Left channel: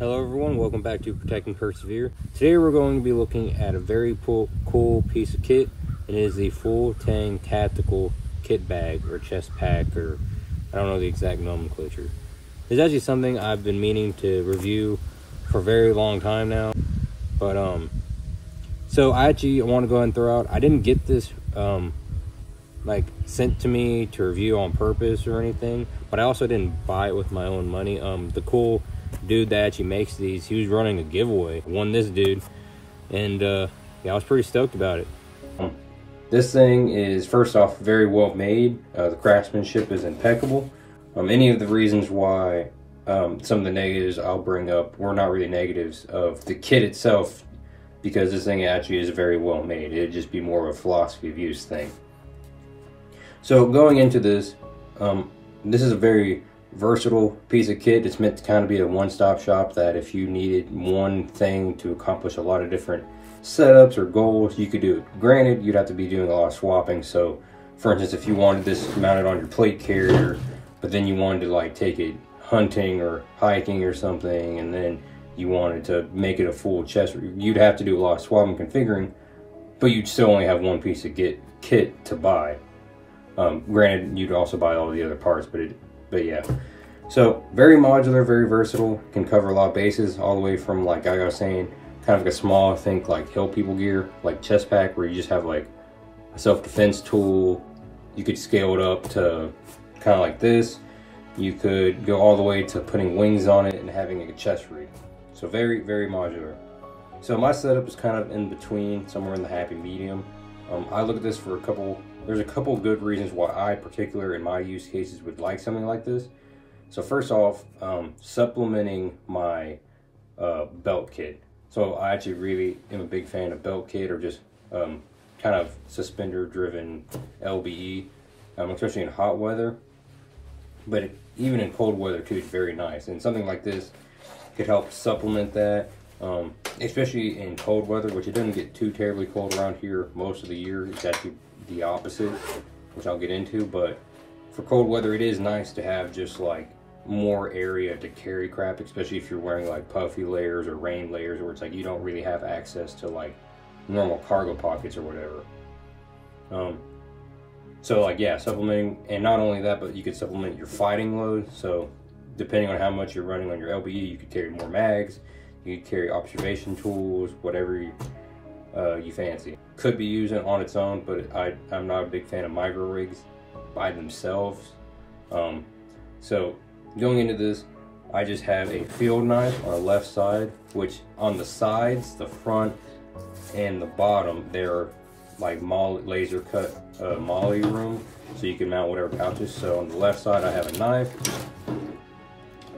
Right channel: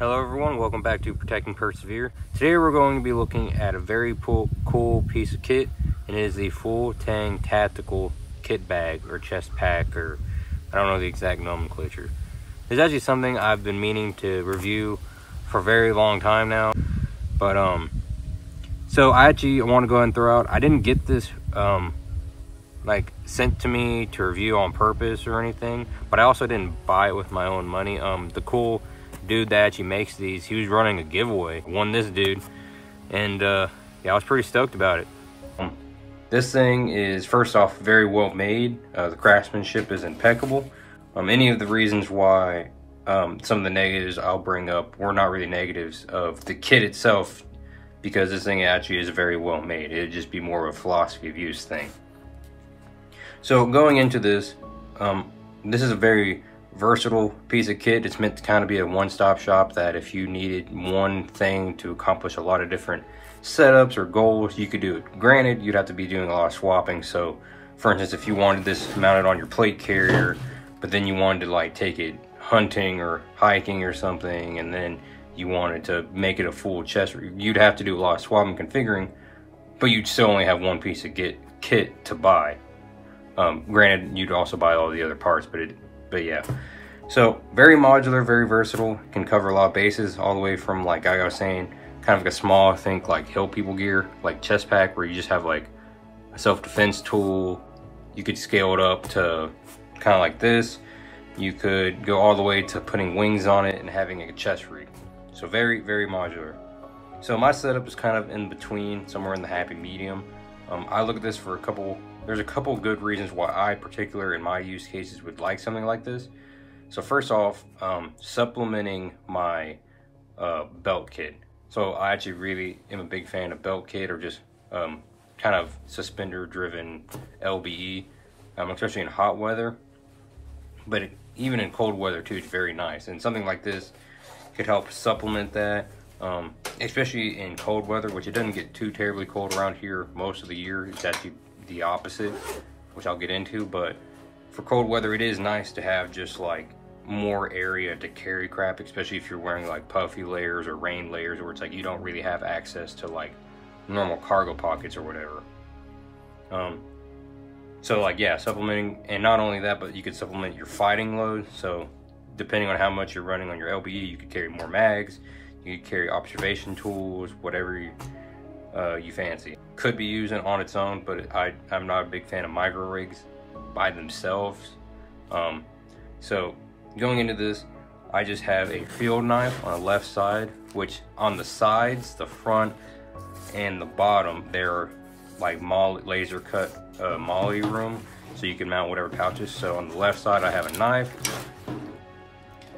Hello everyone, welcome back to Protect and Persevere. Today we're going to be looking at a very cool piece of kit, and it is the full Tang tactical kit bag or chest pack, or I don't know the exact nomenclature. It's actually something I've been meaning to review for a very long time now, but so I want to go ahead and throw out, I didn't get this like sent to me to review on purpose or anything, but I also didn't buy it with my own money. The cool dude that actually makes these, he was running a giveaway, won this dude, and yeah, I was pretty stoked about it. This thing is, first off, very well made. The craftsmanship is impeccable. Any of the reasons why some of the negatives I'll bring up were not really negatives of the kit itself, because this thing actually is very well made. It'd just be more of a philosophy of use thing. So going into this, this is a very versatile piece of kit. It's meant to kind of be a one-stop shop, that if you needed one thing to accomplish a lot of different setups or goals, you could do it. Granted, you'd have to be doing a lot of swapping. So for instance, if you wanted this mounted on your plate carrier, but then you wanted to like take it hunting or hiking or something, and then you wanted to make it a full chest, you'd have to do a lot of swapping configuring, but you'd still only have one piece of kit to buy. Granted, you'd also buy all the other parts, but yeah. So very modular, very versatile, can cover a lot of bases, all the way from, like I was saying, kind of like a small, I think like hill people gear, like chest pack, where you just have like a self-defense tool. You could scale it up to kind of like this. You could go all the way to putting wings on it and having a chest rig. So very, very modular. So my setup is kind of in between, somewhere in the happy medium. I look at this for there's a couple good reasons why I, particular in my use cases, would like something like this. So first off, supplementing my belt kit. So I actually really am a big fan of belt kit, or just kind of suspender driven LBE, especially in hot weather. But even in cold weather too, it's very nice. And something like this could help supplement that, especially in cold weather, which it doesn't get too terribly cold around here most of the year. It's actually the opposite, which I'll get into. But for cold weather, it is nice to have just like more area to carry crap, especially if you're wearing like puffy layers or rain layers, where it's like you don't really have access to like normal cargo pockets or whatever. So like, yeah, supplementing, and not only that, but you could supplement your fighting load. So depending on how much you're running on your LBE, you could carry more mags, you could carry observation tools, whatever you fancy. Could be using on its own, but I'm not a big fan of micro rigs by themselves. So going into this, I just have a field knife on the left side, which on the sides, the front and the bottom, they're like laser cut molly room, so you can mount whatever pouches. So on the left side, I have a knife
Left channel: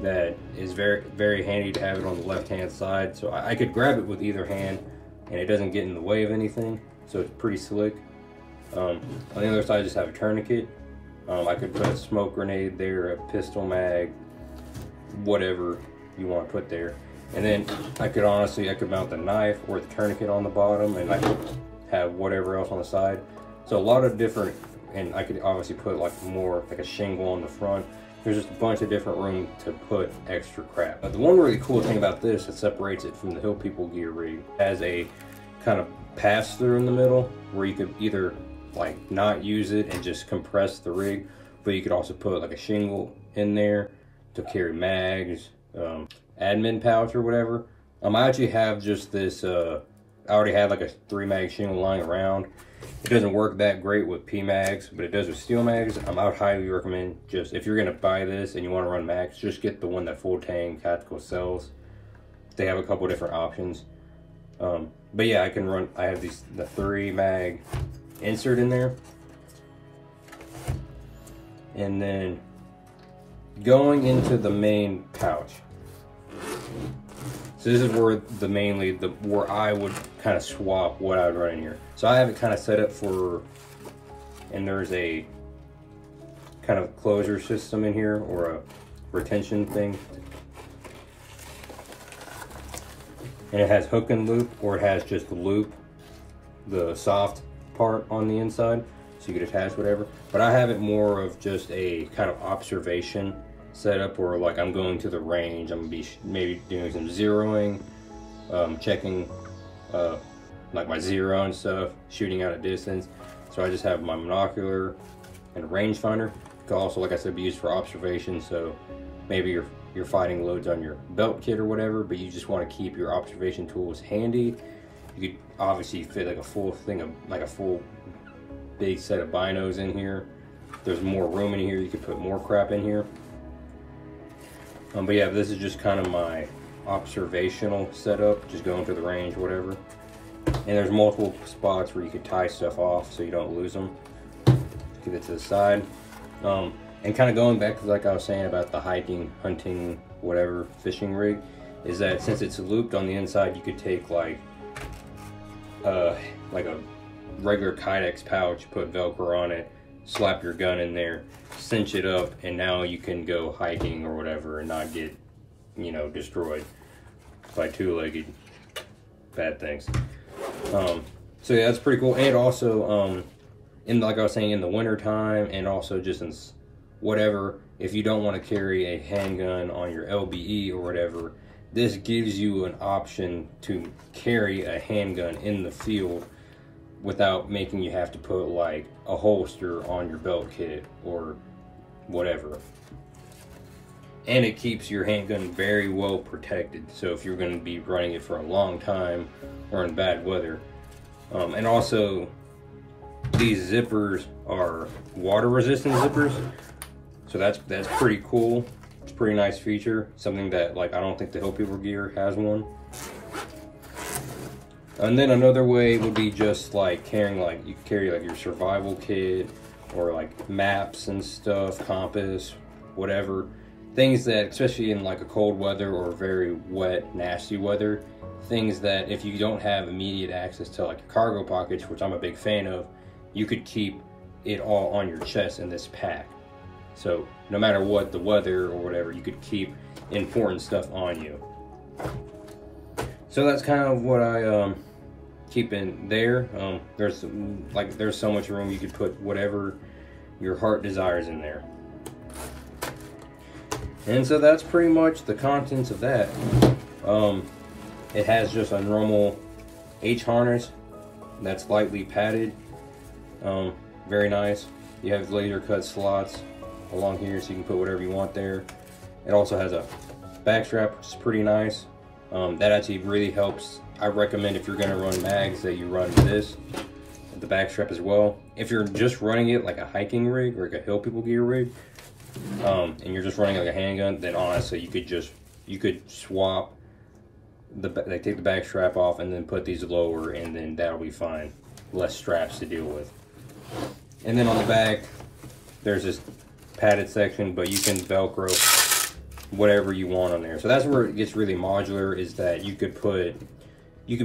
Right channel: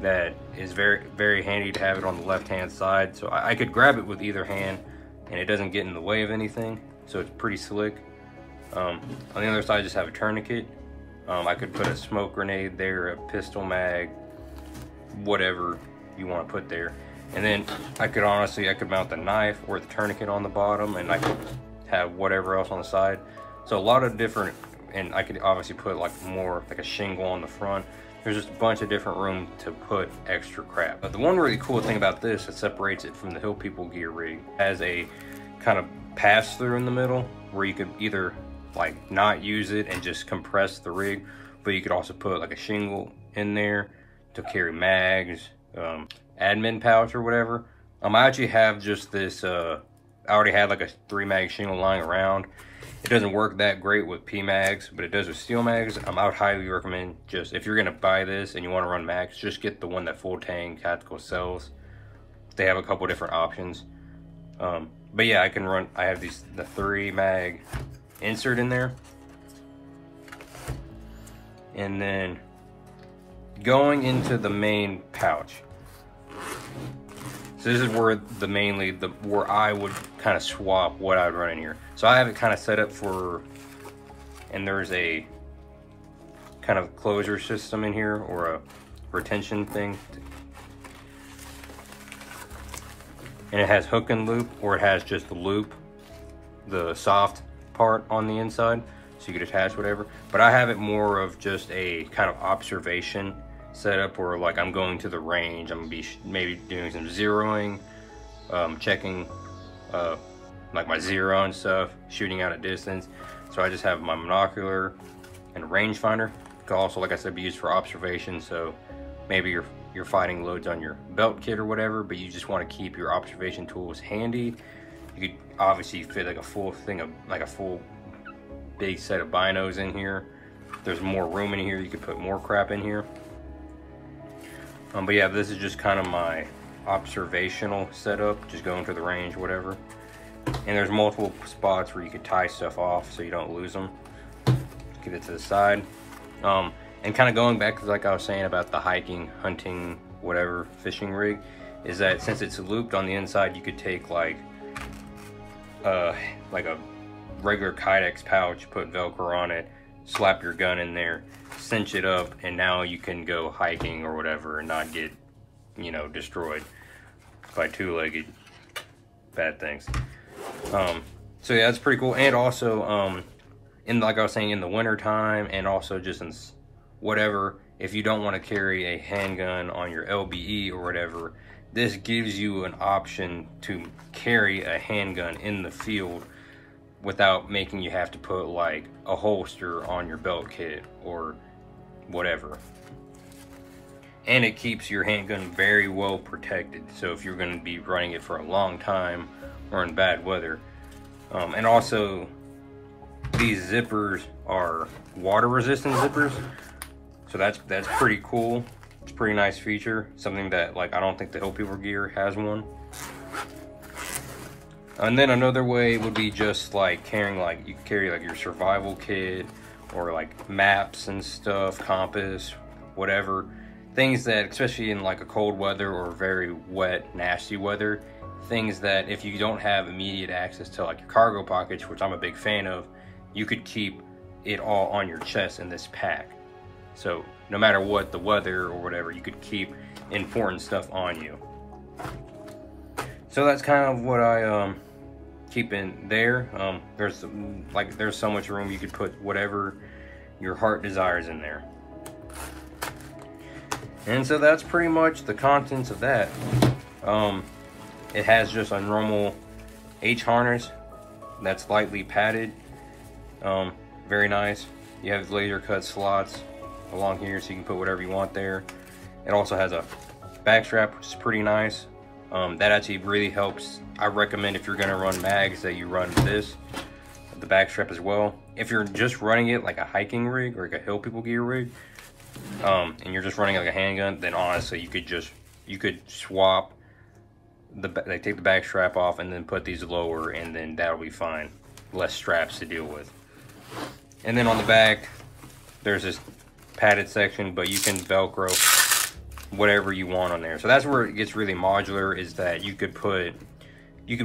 that is very, very handy to have it on the left hand side. So I could grab it with either hand and it doesn't get in the way of anything. So it's pretty slick. On the other side, I just have a tourniquet. I could put a smoke grenade there, a pistol mag, whatever you want to put there. And then I could mount the knife or the tourniquet on the bottom, and I could have whatever else on the side. So a lot of different, and I could obviously put like more, like a shingle on the front. There's just a bunch of different room to put extra crap. But the one really cool thing about this that separates it from the hill people gear rig, has a kind of pass through in the middle, where you could either like not use it and just compress the rig, but you could also put like a shingle in there to carry mags, admin pouch or whatever. I actually have just this, I already have like a 3 mag shingle lying around. It doesn't work that great with P mags, but it does with steel mags. I would highly recommend, just if you're gonna buy this and you want to run mags, just get the one that Full Tang Tactical sells. They have a couple different options. But yeah, I have the 3 mag insert in there. And then going into the main pouch. So this is where where I would kind of swap what I would run in here. So I have it kind of set up for, and there's a kind of closure system in here, or a retention thing. And it has hook and loop, or it has just the loop, the soft part on the inside, so you could attach whatever. But I have it more of just a kind of observation setup where like I'm going to the range, I'm gonna be maybe doing some zeroing, checking like my zero and stuff, shooting out at distance. So I just have my monocular and a rangefinder. It could also, like I said, be used for observation. So maybe you're fighting loads on your belt kit or whatever, but you just want to keep your observation tools handy. You could obviously fit like a full thing of like a full big set of binos in here. There's more room in here, you could put more crap in here. But yeah, this is just kind of my observational setup, just going to the range, whatever. And there's multiple spots where you could tie stuff off so you don't lose them. Get it to the side. And kind of going back to like I was saying about the hiking, hunting, whatever, fishing rig, is that since it's looped on the inside, you could take like a regular Kydex pouch, put Velcro on it, slap your gun in there, cinch it up, and now you can go hiking or whatever and not get, you know, destroyed by two-legged bad things. So yeah, that's pretty cool. And also, like I was saying, in the winter time, and also just in whatever, if you don't want to carry a handgun on your LBE or whatever, this gives you an option to carry a handgun in the field without making you have to put like a holster on your belt kit or whatever. And it keeps your handgun very well protected. So if you're going to be running it for a long time or in bad weather. And also, these zippers are water resistant zippers. So that's pretty cool. It's a pretty nice feature. Something that like I don't think the Hill People gear has one. And then another way would be just like carrying, like you carry like your survival kit or like maps and stuff, compass, whatever. Things that, especially in like a cold weather or very wet, nasty weather, things that if you don't have immediate access to like your cargo pockets, which I'm a big fan of, you could keep it all on your chest in this pack. So no matter what the weather or whatever, you could keep important stuff on you. So that's kind of what I keep in there. There's so much room, you could put whatever your heart desires in there. And so that's pretty much the contents of that. It has just a normal H harness that's lightly padded. Very nice. You have laser cut slots along here so you can put whatever you want there. It also has a back strap, which is pretty nice. That actually really helps. I recommend if you're gonna run mags that you run this, the back strap as well. If you're just running it like a hiking rig or like a Hill People gear rig, and you're just running like a handgun, then honestly you could swap take the back strap off and then put these lower, and then that'll be fine. Less straps to deal with. And then on the back, there's this padded section, but you can Velcro whatever you want on there. So that's where it gets really modular, is that you could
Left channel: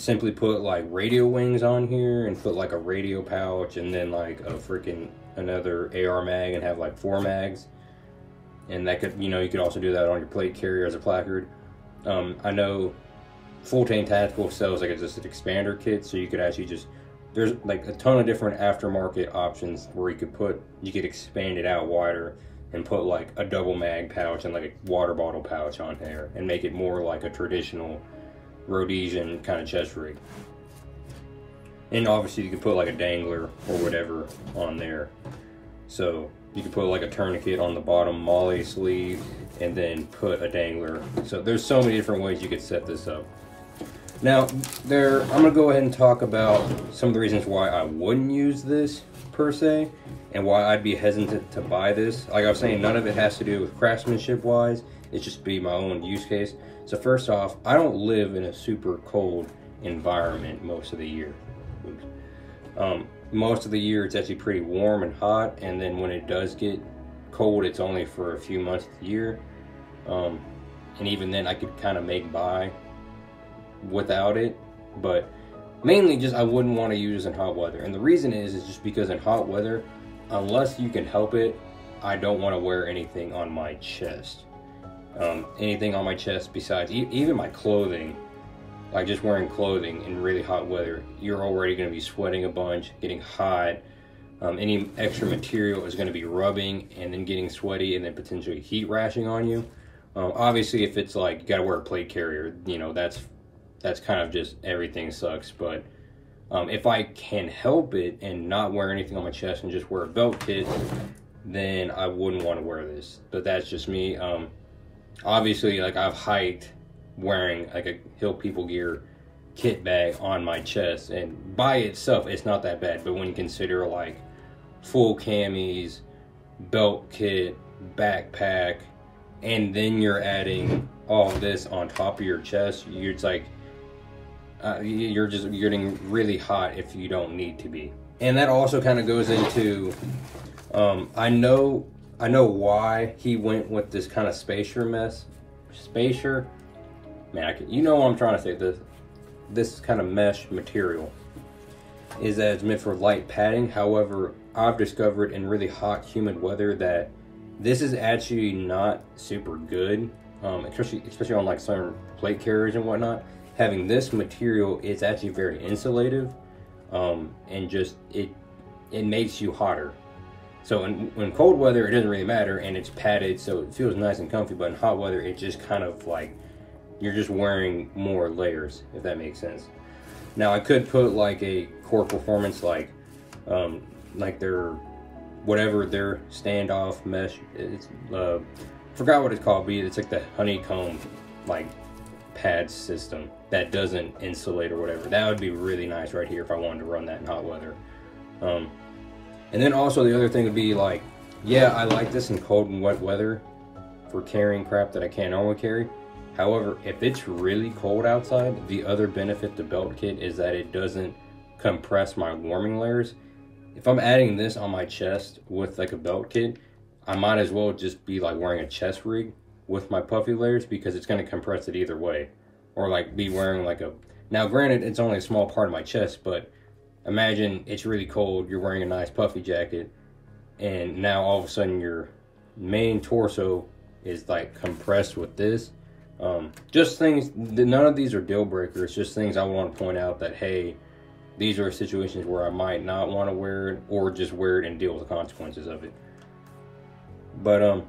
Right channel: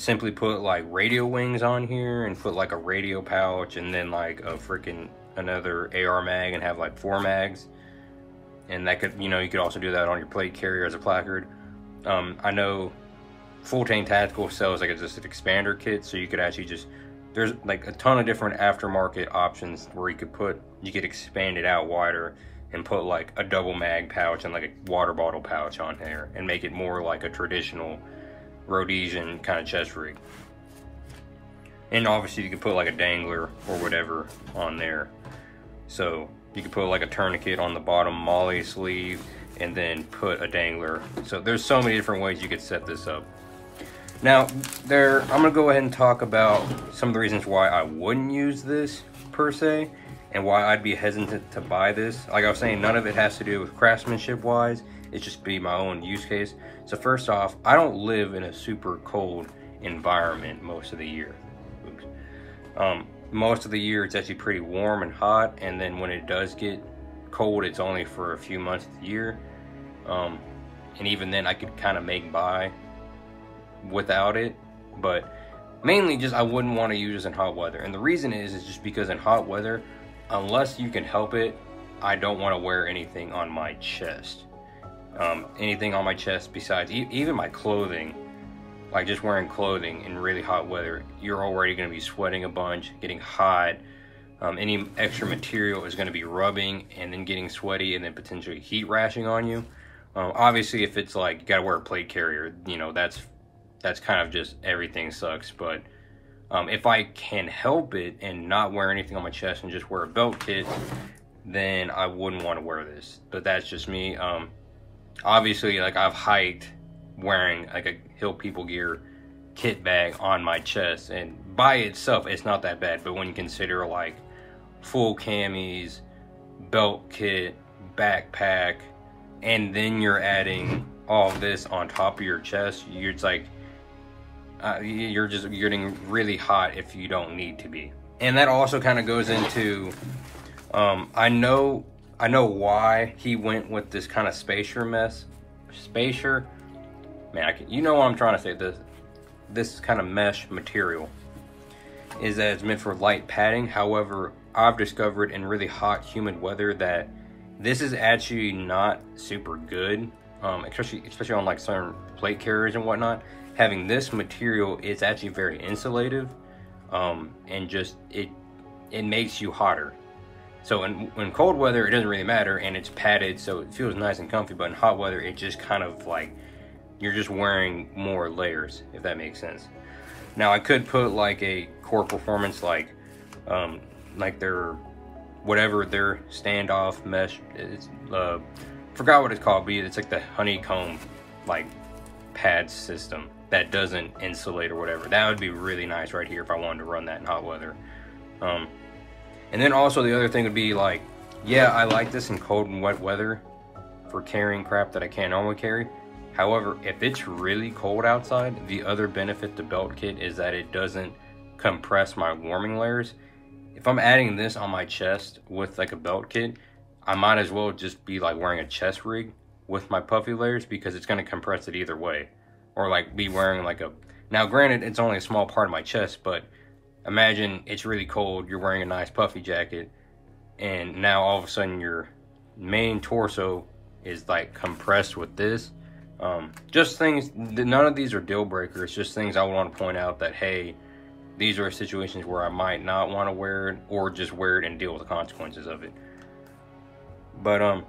simply put like radio wings on here and put like a radio pouch and then like a freaking another AR mag and have like 4 mags. And that could, you know, you could also do that on your plate carrier as a placard. I know Full Tang Tactical sells like just an expander kit, so you could actually just, there's like a ton of different aftermarket options where you could expand it out wider and put like a double mag pouch and like a water bottle pouch on there and make it more like a traditional Rhodesian kind of chest rig. And obviously you could put like a dangler or whatever on there. So you could put like a tourniquet on the bottom molly sleeve and then put a dangler. So there's so many different ways you could set this up. Now, I'm gonna go ahead and talk about some of the reasons why I wouldn't use this per se, and why I'd be hesitant to buy this. Like I was saying, none of it has to do with craftsmanship wise, it's just be my own use case. So first off, I don't live in a super cold environment most of the year. Oops. Most of the year it's actually pretty warm and hot, and then when it does get cold, it's only for a few months of the year. And even then I could kind of make by without it, but mainly just I wouldn't want to use it in hot weather. And the reason is just because in hot weather, unless you can help it, I don't want to wear anything on my chest. Anything on my chest besides even my clothing, like just wearing clothing in really hot weather, you're already going to be sweating a bunch, getting hot. Any extra material is going to be rubbing and then getting sweaty and then potentially heat rashing on you. Obviously, if it's like you got to wear a plate carrier, you know, that's kind of just everything sucks. But if I can help it and not wear anything on my chest and just wear a belt kit, then I wouldn't want to wear this. But that's just me. Obviously, like, I've hiked wearing like a Hill People Gear kit bag on my chest, and by itself it's not that bad. But when you consider like full camis, belt kit, backpack, and then you're adding all this on top of your chest, you're just like you're getting really hot if you don't need to be. And that also kind of goes into I know why he went with this kind of spacer, man, you know what I'm trying to say. This kind of mesh material is that it's meant for light padding. However, I've discovered in really hot, humid weather that this is actually not super good, especially on like certain plate carriers and whatnot. Having this material, it's actually very insulative, and just it makes you hotter. So in cold weather, it doesn't really matter, and it's padded, so it feels nice and comfy. But in hot weather, it just kind of like you're just wearing more layers, if that makes sense. Now, I could put like a core performance, like their whatever their standoff mesh. It's forgot what it's called, but it's like the honeycomb like pad system that doesn't insulate or whatever. That would be really nice right here if I wanted to run that in hot weather. And then also the other thing would be like, yeah, I like this in cold and wet weather for carrying crap that I can't normally carry. However, if it's really cold outside, the other benefit to belt kit is that it doesn't compress my warming layers. If I'm adding this on my chest with like a belt kit, I might as well just be like wearing a chest rig with my puffy layers, because it's going to compress it either way. Or like be wearing like a, now granted it's only a small part of my chest, but imagine it's really cold, you're wearing a nice puffy jacket, and now all of a sudden your main torso is like compressed with this. Just things, none of these are deal breakers, just things I want to point out that, hey, these are situations where I might not want to wear it, or just wear it and deal with the consequences of it. But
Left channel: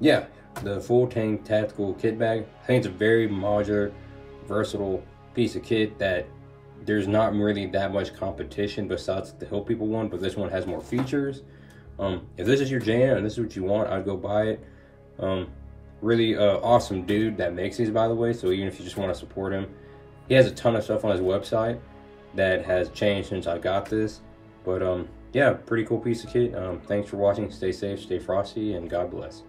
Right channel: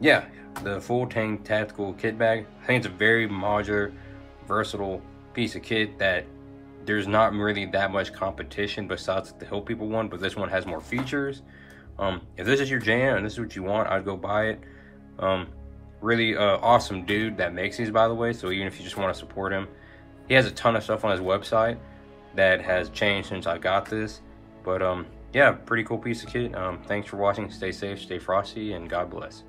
yeah, the full Tang tactical kit bag, I think it's a very modular, versatile piece of kit that there's not really that much competition besides the Hill People one, but this one has more features. If this is your jam and this is what you want, I'd go buy it. Really awesome dude that makes these, by the way, so even if you just want to support him, he has a ton of stuff on his website that has changed since I got this. But yeah, pretty cool piece of kit. Thanks for watching. Stay safe, stay frosty, and God bless.